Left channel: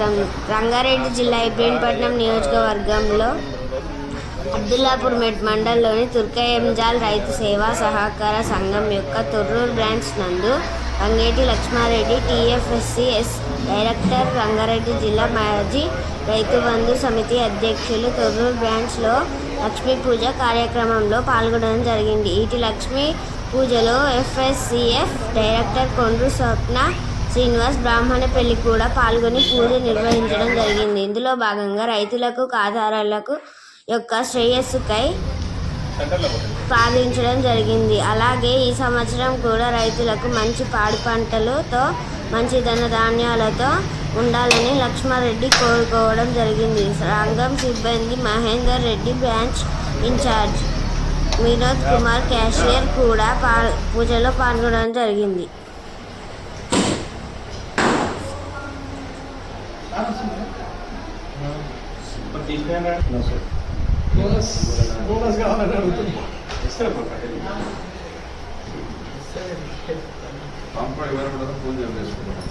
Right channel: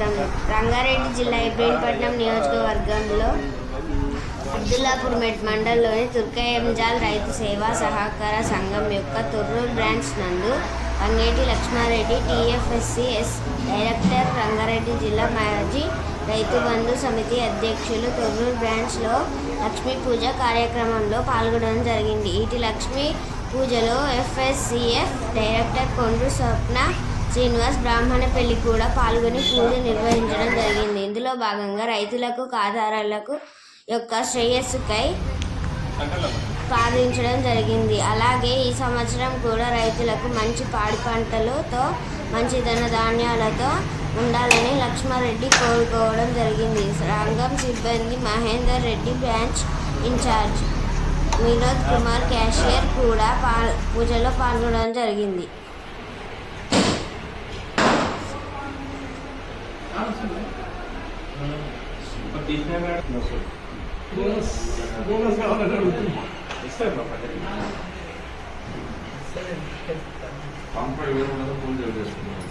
స్వాగతం. రంగారెడ్డి జిల్లా ఇబ్రహీంపట్నం నియోజకవర్గంలో అబ్దుల్లాపూర్ మండలంలోని తుర్కయంజాల్ రైతు సేవా సహకార సంఘం యొక్క తొర్రూరు బ్రాంచ్ నందు రంగేటి లక్ష్మారెడ్డి టీఎఫ్ఎస్సిఎస్ డైరెక్టర్, రంగారెడ్డి జిల్లా మాజీ రైతు బంధు సమితి అధ్యక్షులు తొర్రూరు బ్రాంచ్లో లక్ష్మీ పూజ కార్యక్రమంలో పాల్గొనడం జరిగింది. ఇటు లక్ష్మీ పూజలో ఎఫ్ఎస్సిఎఫ్ డైరెక్టర్ కొండ్రు స్వప్న శ్రీనివాస్ బ్రాహ్మణ పెళ్లి కూడా పాల్గొని పూజ నిర్వహించడం జరిగింది. ఇందులో భాగంగా రైతులకు ఖాతాదారులకు యొక్క శ్రేయస్సుకై ప్రార్థించడం జరిగింది. అలాగే ఈ సంవత్సరం కూడా రైతులకు మంచి పాడి పంటలతో మంచి ధాన్యాలతో ఉండాలని లక్ష్మారెడ్డి కోరుకోవడం జరిగింది. సంఘం సిబ్బంది Mahender Reddy, branch incharge Vinod Kumar, cashier కూడా పూజలో పాల్గొనడం జరిగింది. బోనస్ కావాలని అడుగుతుంది. పూజ చేస్తున్నాం.